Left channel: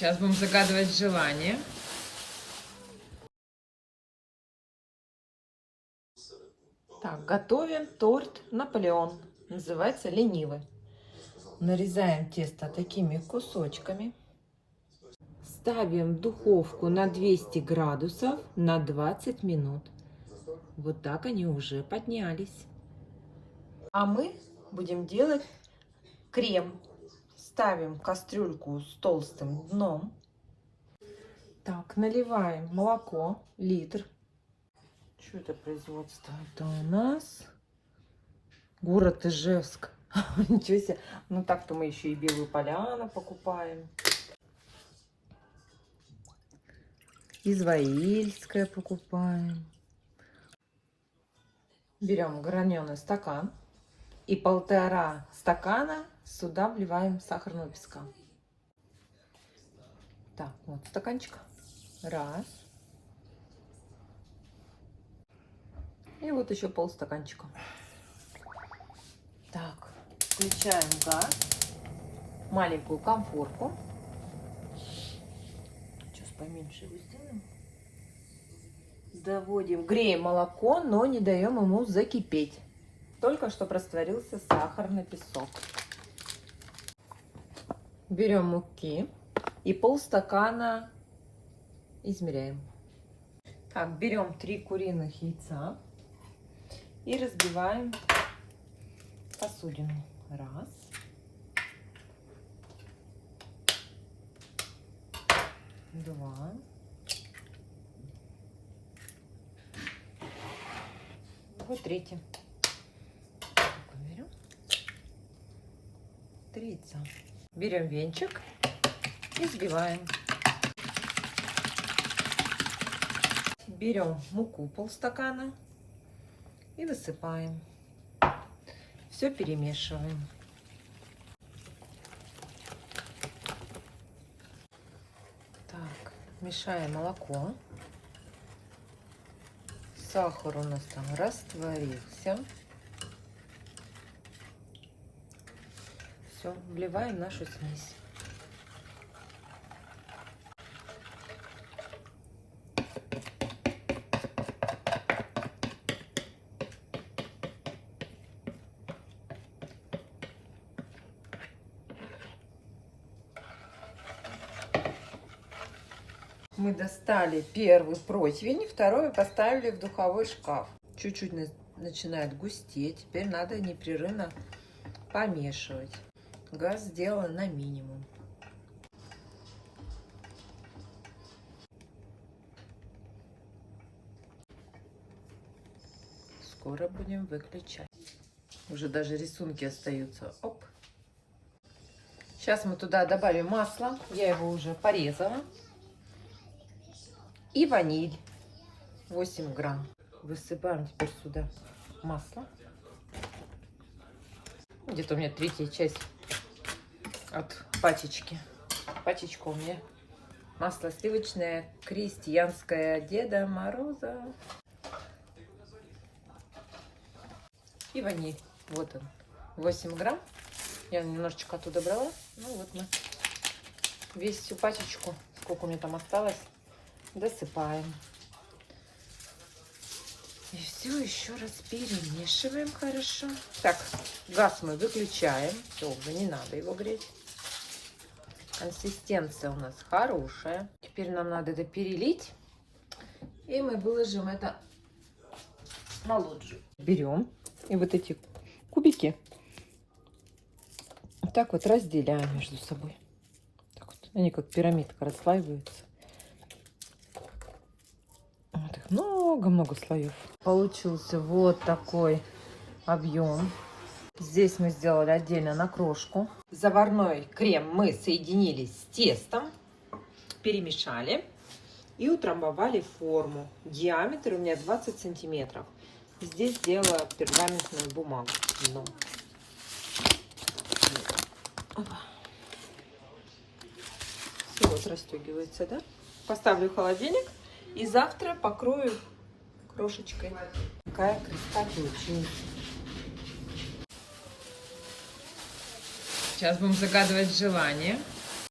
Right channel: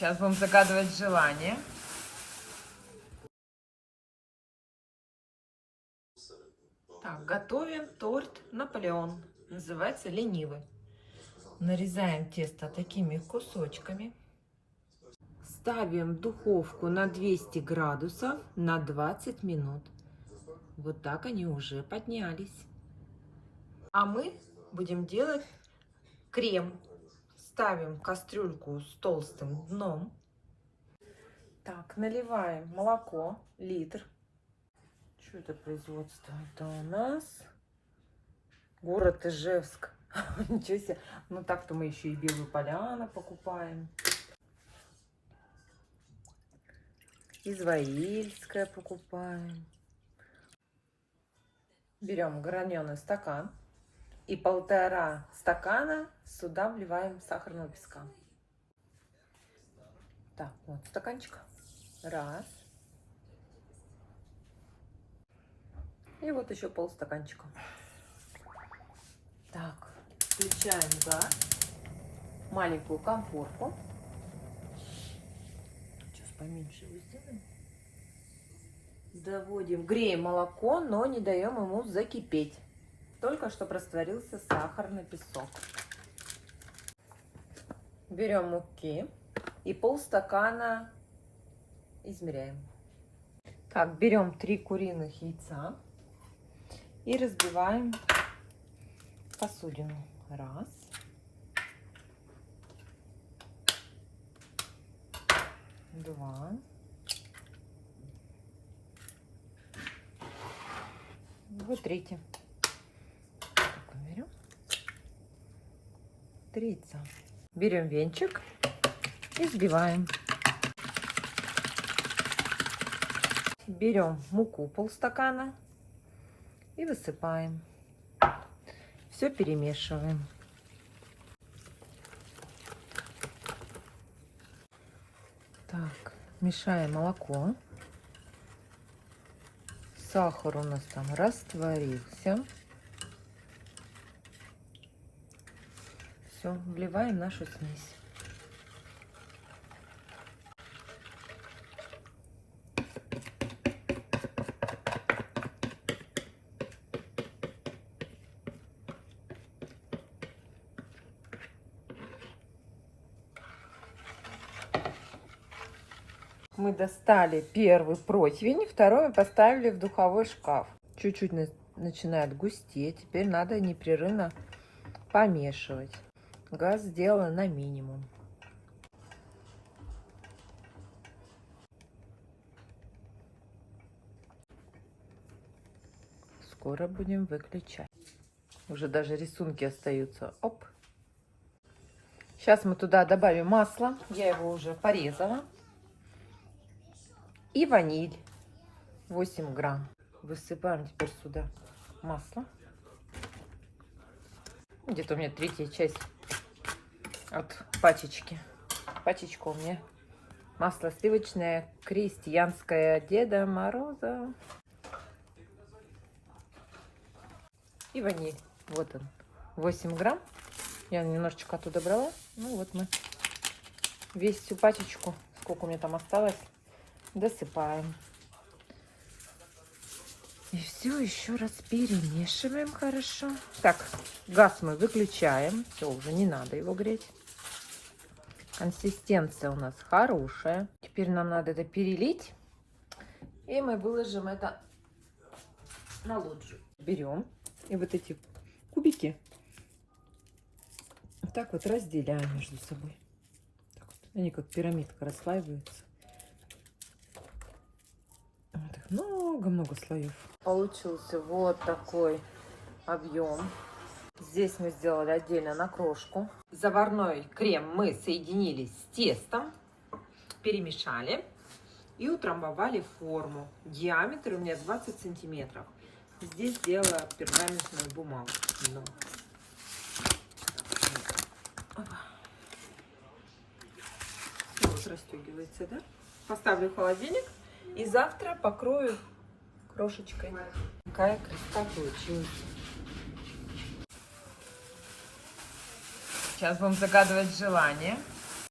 Сейчас будем загадывать желание. Так, готовим торт Наполеон. Называется ленивый. Нарезаем тесто такими кусочками. Ставим в духовку на 200 градусов на 20 минут. Вот так они уже поднялись. А мы будем делать крем. Ставим кастрюльку с толстым дном. Так, наливаем молоко, литр. Что это производство? Это у нас город Ижевск. Ничего себе. Ну так-то мы еще и Белую Поляну покупаем. Изваильское покупаем. Берем граненый стакан и 1,5 стакана сюда вливаем сахарного песка. Так, вот стаканчик. Раз. И вот еще полстаканчика. Так, включаем газ, маленькую конфорку. Сейчас поменьше его сделаем. Доводим, греем молоко, но не даем ему закипеть. Только чтобы растворился сахарный песок. Берем муки и полстакана измеряем. Так, берем 3 куриных яйца и разбиваем посудину. Раз. Два. И третье. Берем 3 яйца. Берем венчик и взбиваем. Берем муку полстакана и высыпаем. Все перемешиваем. Так, мешаем молоко. Сахар у нас там растворился. Все, вливаем нашу смесь. Мы достали первый противень, второй мы поставили в духовой шкаф. Чуть-чуть начинает густеть. Теперь надо непрерывно помешивать. Газ сделан на минимум. Скоро будем выключать. Уже даже рисунки остаются. Оп. Сейчас мы туда добавим масло. Я его уже порезала. И ваниль 8 грамм. Высыпаем теперь сюда масло. Где-то у меня 1/3 часть от пачечки. Пачечка у меня масло сливочное крестьянское Деда Мороза. И ваниль. Вот он. 8 грамм. Я немножечко оттуда брала. Ну вот мы всю пачечку, сколько у меня там осталось, досыпаем. И все еще раз перемешиваем хорошо. Так, газ мы выключаем. Все, уже не надо его греть. Консистенция у нас хорошая. Теперь нам надо это перелить. И мы выложим это на лоджию. Берем и вот эти кубики вот так вот разделяем между собой. Так вот. Они как пирамидка расслаиваются. Вот их много-много слоев. Получился вот такой объем. Здесь мы сделали отдельно на крошку. Заварной крем мы соединили с тестом, перемешали и утрамбовали форму. Диаметр у меня 20 сантиметров. Здесь делаю пергаментную бумагу. Все вот расстегивается, да? Поставлю в холодильник и завтра покрою крошечкой. Какая красота получилась. Сейчас будем загадывать желание.